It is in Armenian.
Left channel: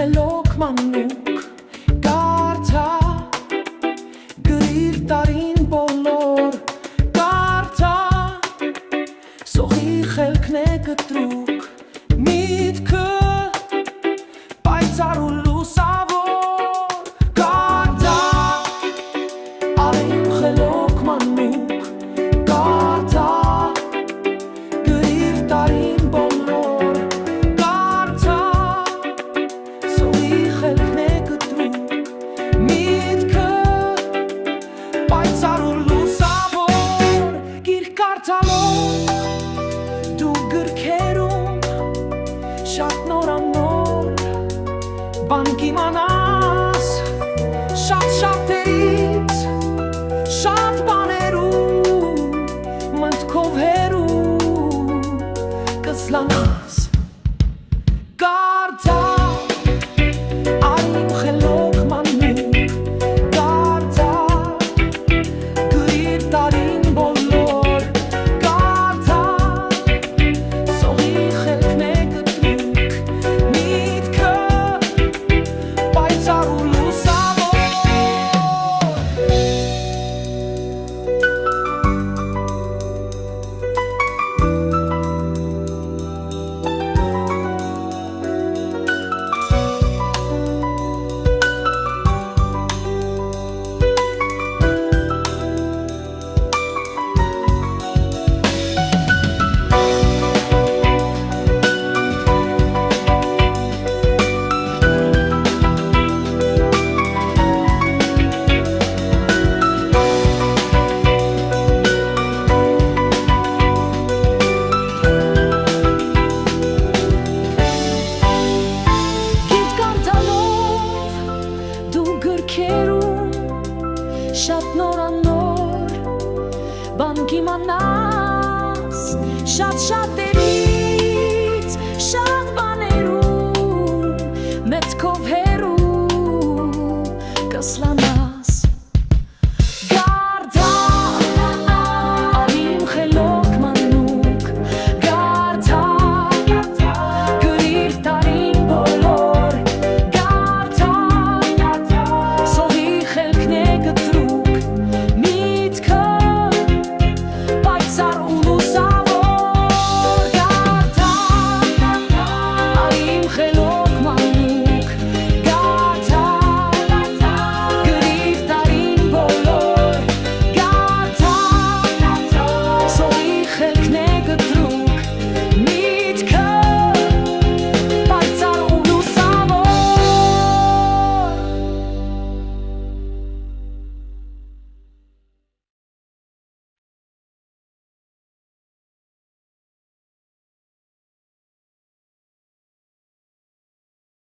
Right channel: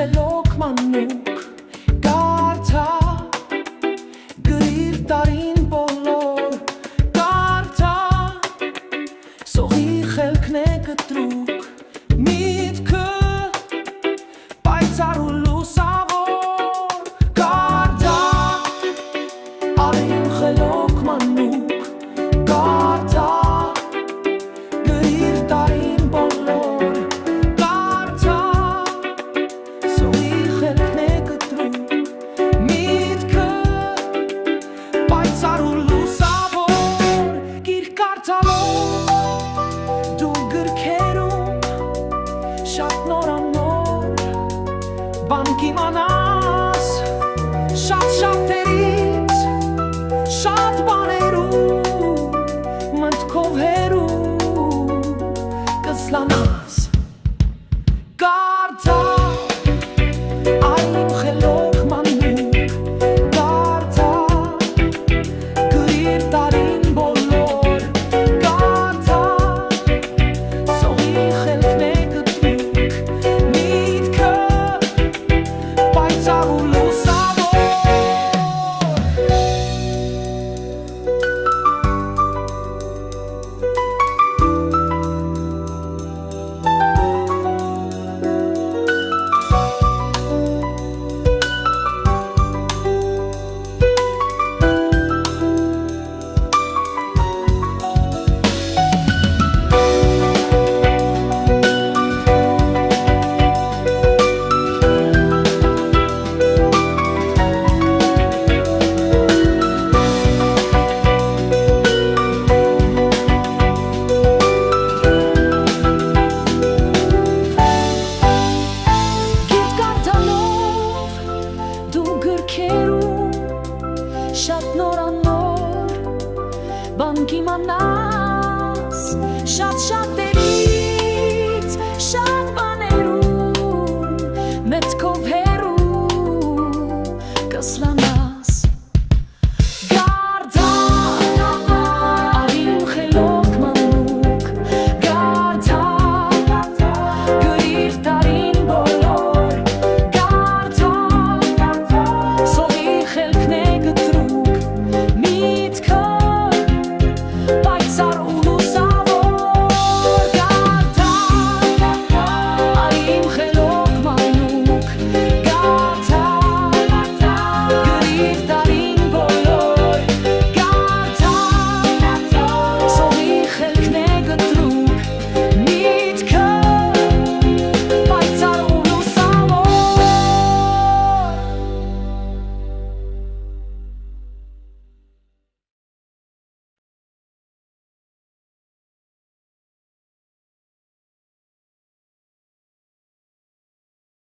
խելոք մանուկ կարդա գրիր տարին բոլոր կարդա սողի խելքն է կտրուկ միտքը պայծառ ու լուսավոր կարդա արիմ խելոք մանուկ կարդա գրիր տարին բոլոր կարդա սողի խելքն է կտրուկ միտքը պայծառ ու լուսավոր գիրք կարդալով դու գրքերում շատ նորանոր բան կիմանաս շատ շատերից շատ բաներում մտքով հեռու կզլանաս կարդա արիմ խելոք մանուկ կարդա գրիր տարին բոլոր կարդա սողի խելքն է կտրուկ միտքը պայծառ ու լուսավոր շատ նորանոր բան կիմանաս շատ շատերից շատ բաներում մտքով հեռու կզլանաս կարդա արիմ խելոք մանուկ կարդա գրիր տարին բոլոր կարդա սողի խելքն է կտրուկ միտքը պայծառ ու